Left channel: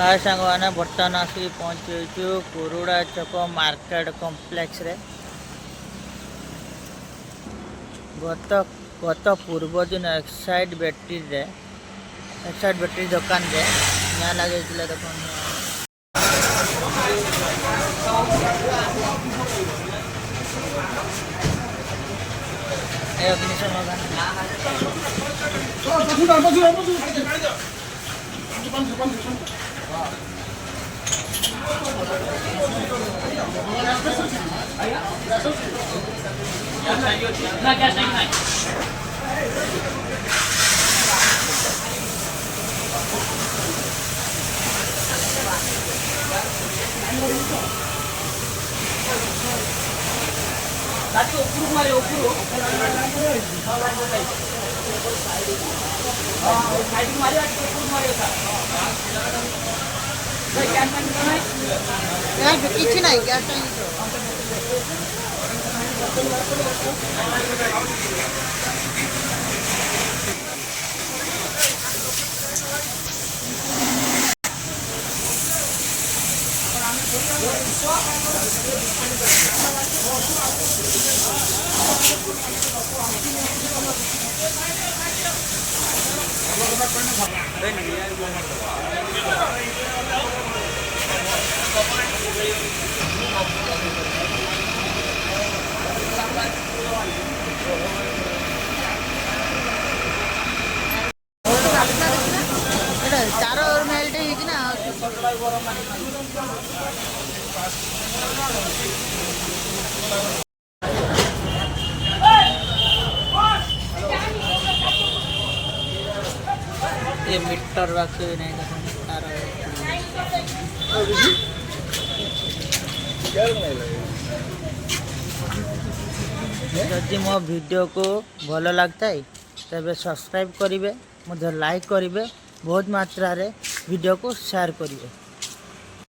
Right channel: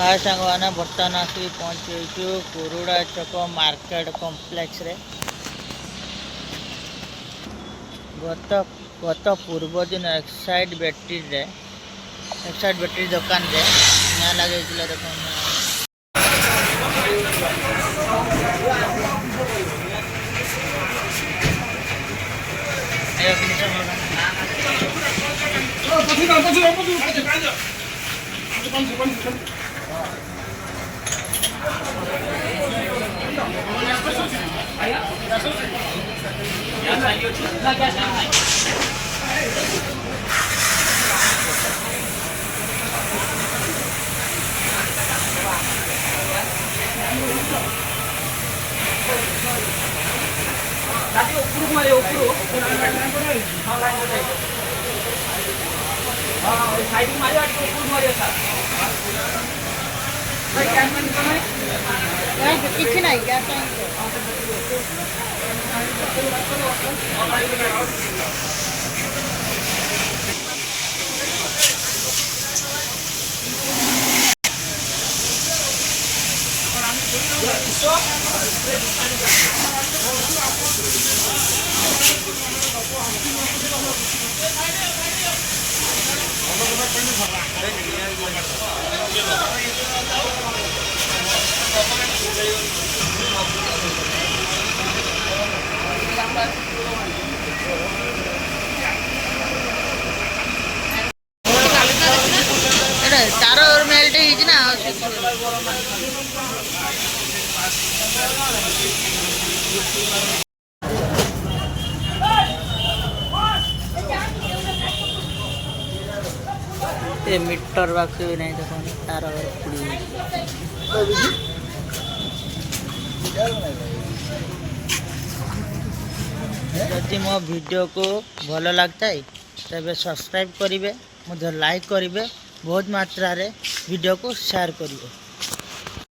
हाय सांगवाना बर्तमान आसिक पहुँचु कुरुड़ा चक मार्केट कॉम्प्लेक्स रे। गत गत पूर्व दिन एक्साइड बैटरी दुकान रे निया लगे देख किसी नहीं क्या तार मेल्ट ना ये मीटर बक्स भी नहीं देखो तार जदि मो वीडियो को भल लगता है तबे सब्सक्राइब करेंगे मुझे लाइक करेंगे बहुत मात्रा रे वीडियो को शेयर करेंगे।